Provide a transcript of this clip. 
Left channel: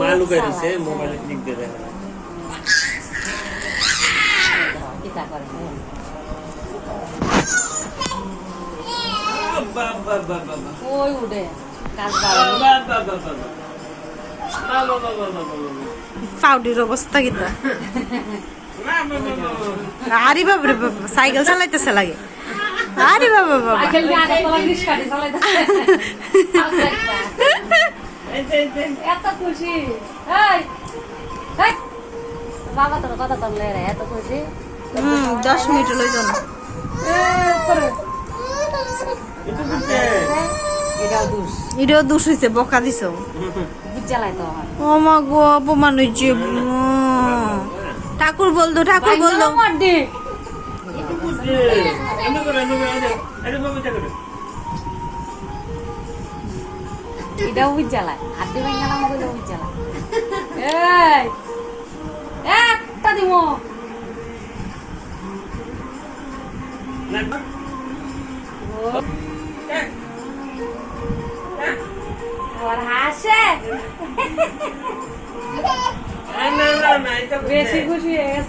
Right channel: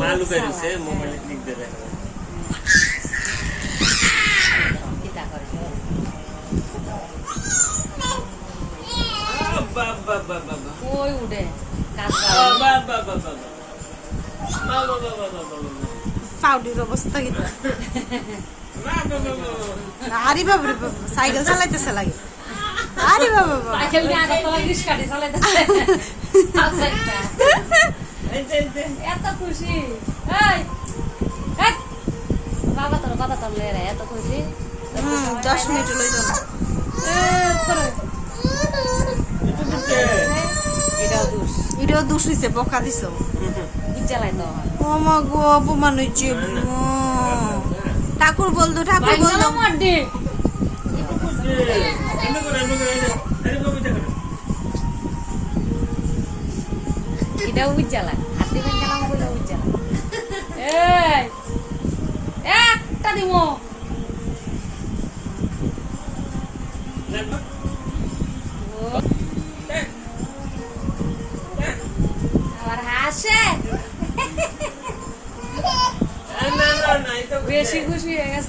মা লুকাই দিছে মোবাইলে ক্লিক দিয়ে দেখে ওই উড়ে পাউডির অবস্থা কিটা আরে বাবা বাবা সাইকেল চালাইতেছে লাগে আরে বাবা বাবা সাইকেল নিয়ে আগে বলা রিস্কাটি চালাইতেছে এত খুশি এই এই বাবা তোর কথা বললে রে এত খুশি 10 মিনিট লই যাও না এটাও দোষ হইছে বকা দিছো ও মা গো অপমান হইছে ঠাকুর বলতো এটা উজ্জ্বলা হাতি ভাঙালাম বলে উজ্জ্বলা একটা দিব আর হাসে বেশি খুশি হয়ে গেছে।